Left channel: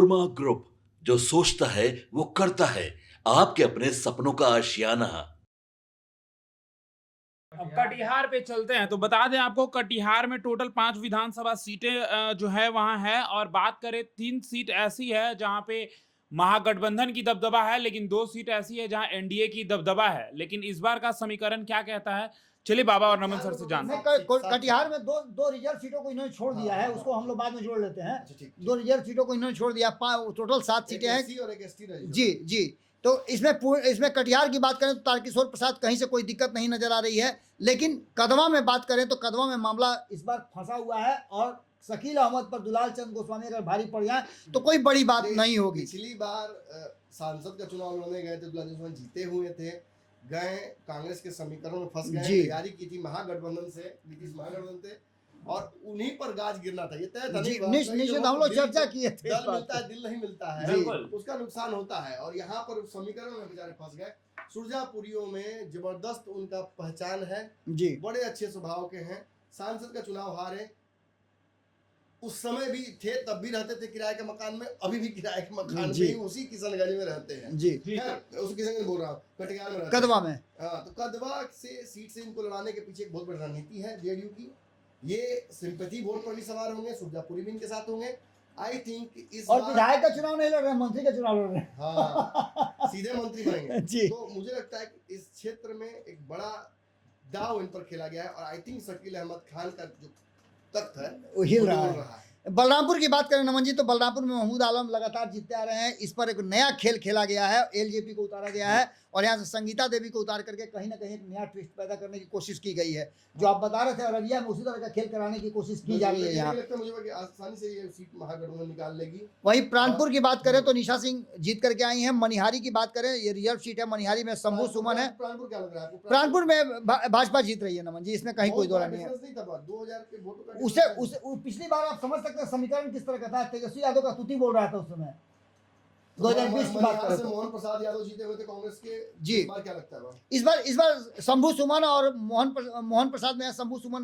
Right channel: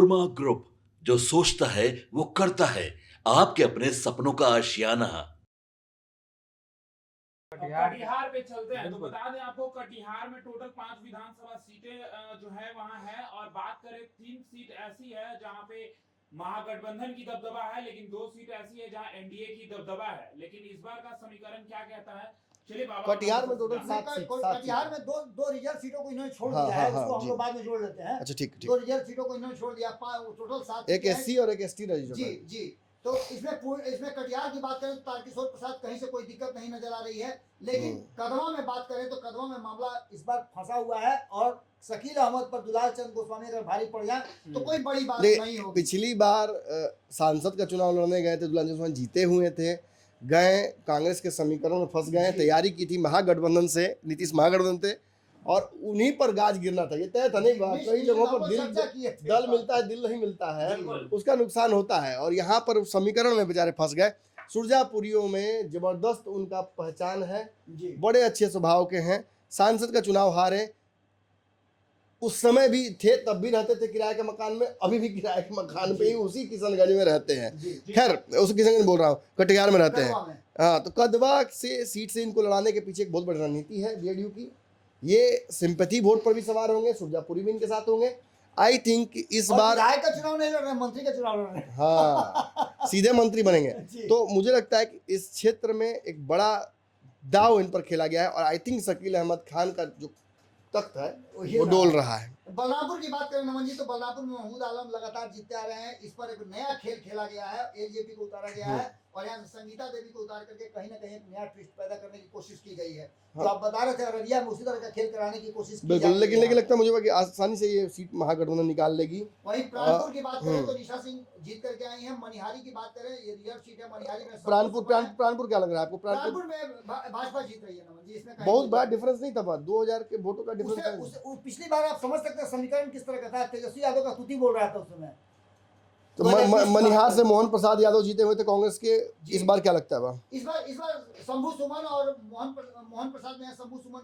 Korma group, जो सोचता है वो करता है। आपके अपने सपनों का आशियाना। अब कटिहार पे चलते हैं तो बता दें आपको कटिहार में टोटल 5 विधानसभा सीटें जो है वहाँ है और बात करें 3 सीट ऐसी है जहाँ पे महागठबंधन की दबदबा है, लेकिन 2 सीट ऐसी है जहाँ एनडीए की दबदबा है। लेकिन इस बार का समीकरण क्या कहता है, चलिए बाबा और नमन सर से जानते हैं। कटिहार में दो दो रिजर्व सीटों को इन्होंने छोड़ दिया है, उसको हम लोग बाद में जोड़ लेते हैं। अच्छा ठीक दो रिजर्व सीटों को इन्होंने छोड़ दिया, टोटल 7 एक सीटें हैं। एससी और एक एसटी रजिस्टर। जी जी, तो इसमें कटिहार की बात करें तो तारकिशोर प्रसाद कहीं से कोई दिक्कत नहीं नजर आ रही है, लेकिन कदवा में बात करें तो कदवा में मामला इस बार फंसा हुआ है और शकील अहमद पर दुलाल चंद गोस्वामी अगर भारी पड़ जाए तो कोई बड़ी बात नहीं होगी। पिछली बार सांसद का चुनाव लड़ने गए थे, दुलाल चंद गोस्वामी जीते हुए थे, गए कांग्रेस के समीकरण में फंस गए, तैयारी की थी महागठबंधन से, नीतीश महागठबंधन थे और उन्हीं पर गाज गिरना था, ये तय था। नहीं हम लोग चर्चा किए थे, दल मिलता है दिल नहीं मिलता है, उसका नुकसान होता है और यहाँ पर समीकरण में बेचारे फंस गए। सुरजापुरियों में जबरदस्त उनका पहचान है जी, बड़े अच्छे स्वभाव के हैं, सांसद का चुनाव हारे, उस समय भी थे, तब भी रहते थे किराए के मकान में, अभी भी किराए के मकान में ही उसी किशनगंज में रहते हैं जी। खैर उसी किशनगंज बोल रहा हूँ, कटिहार में रहते हैं। हाँ, तो कदवा से सीट से इनको लड़ाने के पीछे एक बहुत बड़ी रणनीति है जेडीयू की। ये सिंपैथी वोट पर भी सवार होंगे, सुरजापुरी भी इनके साथ होंगे। आई थिंक इस बार विधायक का चुनाव नहीं लड़ रहे, मंत्री का चुनाव लड़ रहे हैं। हाँ, सीधे मंत्री बनेंगे। तो मुझे लगता है कि इस क्षेत्र में एक बड़ा दाव इन पर खेला गया है और आई थिंक शकील अहमद खान का जो तख्त है वो डोल रहा है। बलरामपुर की बात करें नमन जी, तो बलरामपुर में महमूद आलम लगातार जीतते आ रहे हैं। इस पर एक नया खेल खेला गया है, एलजेपी को उतारा गया है और यहाँ से संगीता देवी को उतार करके कहीं ना कहीं एक नया ट्विस्ट पैदा करने की कोशिश की गई है। जो आप बता रहे थे अररिया में उसी तरह का खेल कराने की कोशिश की जा रही है। लेकिन लगता है मुझे कि आसानी से ये सीट महागठबंधन निकाल लेगी। वहीं प्राणपुर की बात करें तो निशा सिंह जीत करके आई हैं। मनिहारी की बात करें, ये रिजर्व सीट है, मनिहारी में शंभू सुमन है। प्राणपुर क्या लग रहा है आपको? प्राणपुर में भाजपा जीत रही है नमन जी, इसमें कहीं कोई डिफरेंस नहीं था, 2000 के वोटों का डिफरेंस। पिछली बार आप समझ सकते हैं समीकरण किस तरह का था, तेजस्वी यादव का तुति बोल रहा था उस समय। तो मनिहार से मोहन प्रसाद यादव जीते हुए थे कांग्रेस के। इस बार क्या लगता है? इस बार शंभू सुमन और मोहन प्रसाद में शंभू सुमन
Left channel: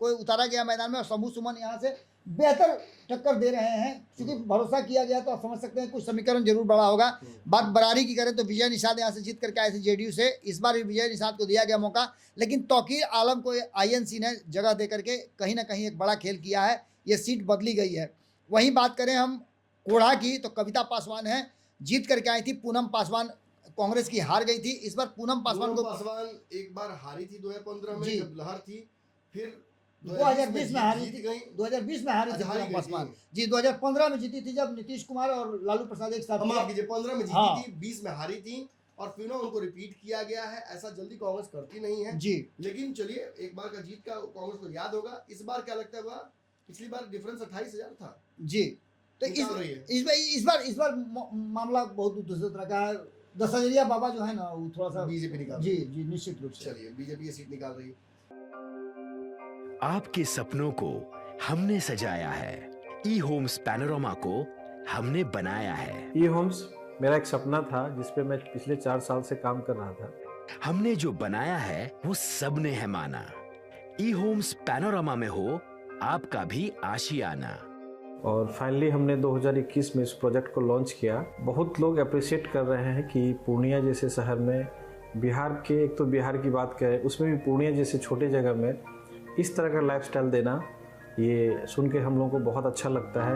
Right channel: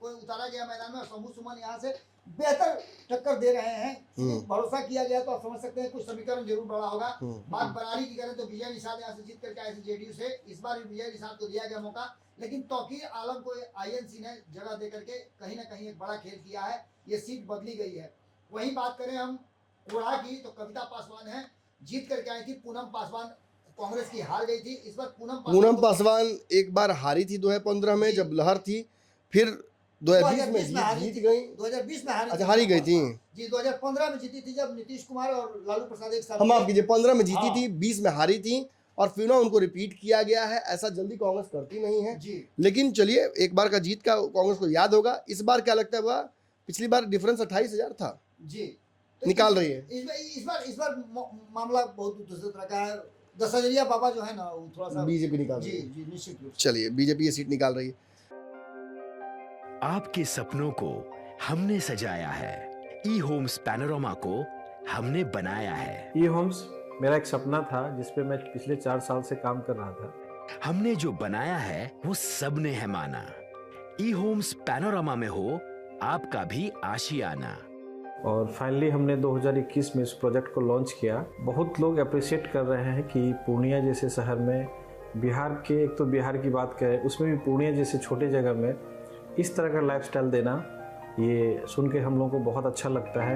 को उतारा गया मैदान में और शंभू सुमन यहाँ से बेहतर टक्कर दे रहे हैं। भरोसा किया गया तो आप समझ सकते हैं कुछ समीकरण जरूर बड़ा होगा। बात बरारी की करें तो विजय निषाद यहाँ से जीत करके आए थे जेडीयू से। इस बार भी विजय निषाद को दिया गया मौका, लेकिन तौकीर आलम को आईएनसी ने जगह दे करके कहीं ना कहीं एक बड़ा खेल किया है, ये सीट बदली गई है। वहीं बात करें हम कोढ़ा की तो कविता पासवान है, जीत करके आई थी। पूनम पासवान कांग्रेस की हार गई थी। इस बार पूनम पासवान एक बार हारी थी 2015 में जब लहर थी, फिर 2020 में हारी गई। 2020 में हारी गई थी जी। 2015 में जीती थी जब नीतीश कुमार और लालू प्रसाद एक साथ। हम माफ कीजिए, 15 में जीती थी, 20 में हारी थी और फिर उनको रिपीट किया गया है। ऐसा जल्दी कांग्रेस करती नहीं है जी। लेकिन चलिए, एक बार का जीत का कांग्रेस को याद होगा। इस बार क्या लगता है? पिछली बार डिफरेंस 28,000 था जी, तो निकाल रही है। इस बार मामला बहुत दूसरे तरह का है। 10,000 बाबा जो है ना, वो थोड़ा सा बीजेपी निकाल जी जी निश्चित रूप से। चलिए, बीजेपी ये सीट निकाल रही है। आपके सपनों को हमने सजाया है, ई होम्स पैनोरमा को हमने बनाया है। ई होम्स मेरा एक सपना था जिसपे मैं पिछले 4 साल से काम कर रहा था। हमने जो बनाया है वो सबने है माना। ई होम्स पैनोरमा में हो आपका भी आशियाना। और फाइनली हमने 2021 में इस प्रोजेक्ट को लॉन्च किया। बहुत लोग अप्रिशिएट कर रहे हैं कि पूर्णिया जैसे शहर में, बिहार के, एक तो बिहार की बात करें उसमें भी पूर्णिया जैसे छोटे जगह में इस तरह का लाइफस्टाइल देना, ये सुन के हम लोगों को बहुत अच्छा लगता है।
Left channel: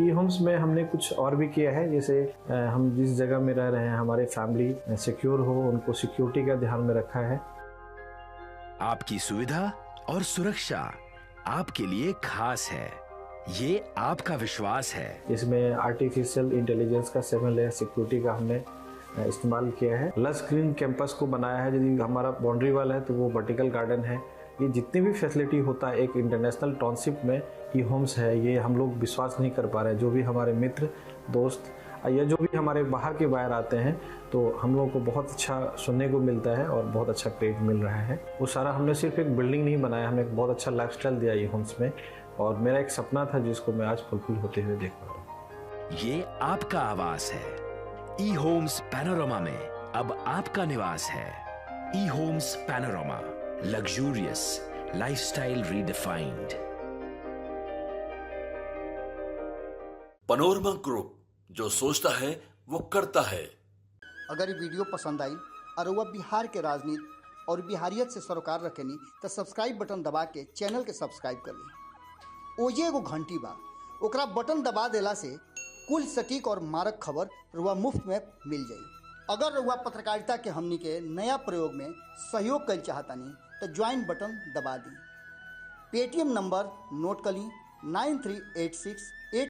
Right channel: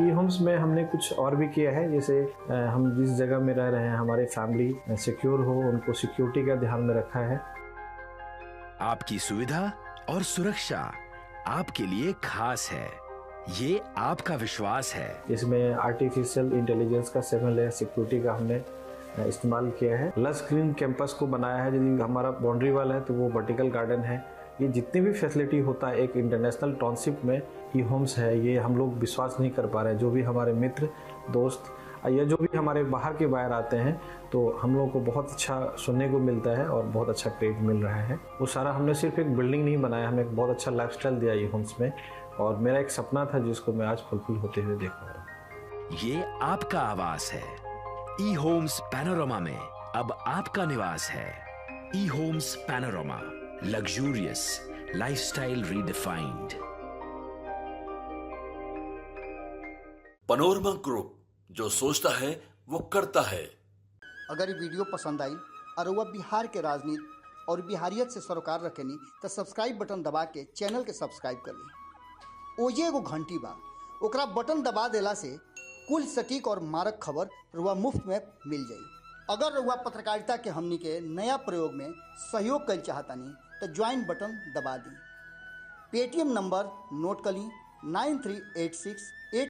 ई होम्स में हमने कुछ और भी किया है, जैसे हम जिस जगह में रह रहे हैं हमारे फैमिली सिक्योर हो, उनको सिक्योरिटी का ध्यान में रखा है। आपकी सुविधा और सुरक्षा आपके लिए खास है, ये आपका विश्वास है। इसमें आर्टिफिशियल इंटेलिजेंस का 7 लेयर सिक्योरिटी का हमने इस्तेमाल किया है। लस ग्रीन कैंपस को बनाया है। यदि हमारा बाउंड्री वाल है तो वो वर्टिकल गार्डन है। ये जितनी भी फैसिलिटी होता है एक इंटरनेशनल टाउनशिप में ई होम्स है, ये हम लोग विश्वास नहीं कर पा रहे हैं। जो भी हमारे मित्र दोस्त या जो भी हमारे बाहर के बाहर आते हैं तो हम लोगों को बहुत अच्छा सुनने को मिलता है और बहुत अच्छा क्रेडिट मिल रहा है। वो सारा हमने सिर्फ एक बिल्डिंग नहीं बनाया, हमें एक बहुत अच्छा लाइफस्टाइल दिया ई होम्स में, और मेरा एक सपना था जिसको मैं आज फुलफिल होते हुए देख पा रहा हूँ। ये आपका आवास है। ई होम्स पैनोरमा में अब आपका निवास है। E homes Panorama, luxurious lifestyle redefined. Panorama group, जो सोचता है वो करता है। अगर ये वीडियो पसंद आई और वह बिहार के राजनीति और बिहारियत से सरोकार रखेनी तो सब्सक्राइब बटन दबा के चैनल के सब्सक्राइब कर ली। ओजे एगो घंटी बा, ओकरा बटन दबा देला से कुल सटीक और मारक खबर रुआ मुफ्त में मिल जाई। अगर रुआ पत्रकारिता के हमनी के नया प्रयोग में सहयोग कर चाहतानी तो ज्वाइन बटन दबा दी। पेटीएम नंबर नोट कर ली 9386